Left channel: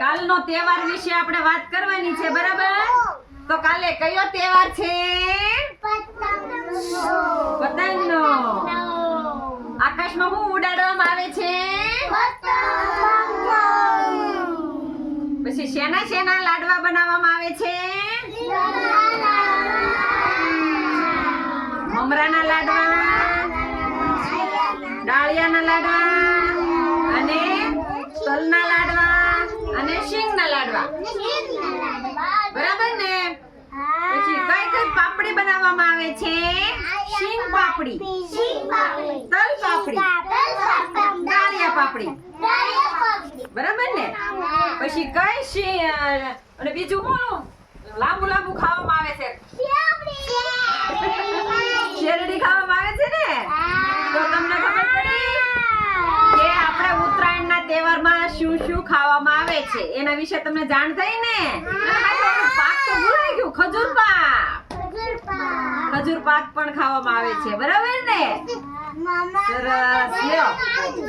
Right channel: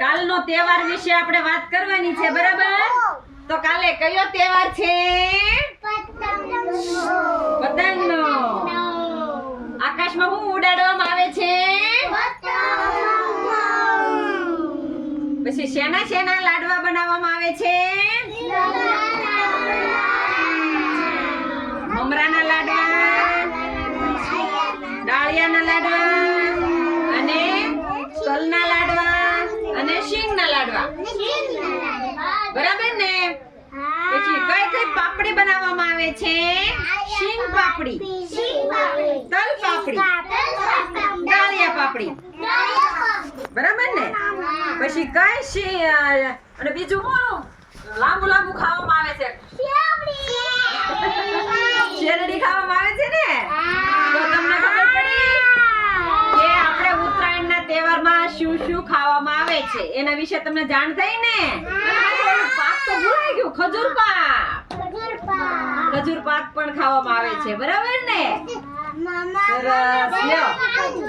કાલનો તહેવાર વિશે આપણે વાત કરવાની છે, બરાબર? તો કાલે કયો તહેવાર છે? પતંગનો. આકાશમાં શું ઉડાડવામાં આવે છે? પછી શેના શેના લાડવા બનાવવામાં આવે છે? મમરાના લાડવા, ડાળિયાના લાડવા અને તલના લાડવા અને શીંગના લાડવા, બરાબર ને? પછી કઈ કઈ પાપડી બનાવવામાં આવે છે? શીંગ પાપડી, તલ પાપડી, ડાળિયા પાપડી, બરાબર ને? પછી કઈ અને બીજું શું લાંબુ લાંબુ ખાવામાં આવે છે? શેરડી ખાવામાં આવે છે ને? તો તમને ખબર પડી કે આપણે ઉત્તરાયણના તહેવારમાં શું શું ખાવામાં આવે છે એના વિશે તમને જાણ થઈ ને? પાક તો ભૂલાઈ ગયું, ખજૂર પાક. ખજૂર પાક પણ ખાવામાં આવે છે, બરાબર ને? સરસ. લ્યો.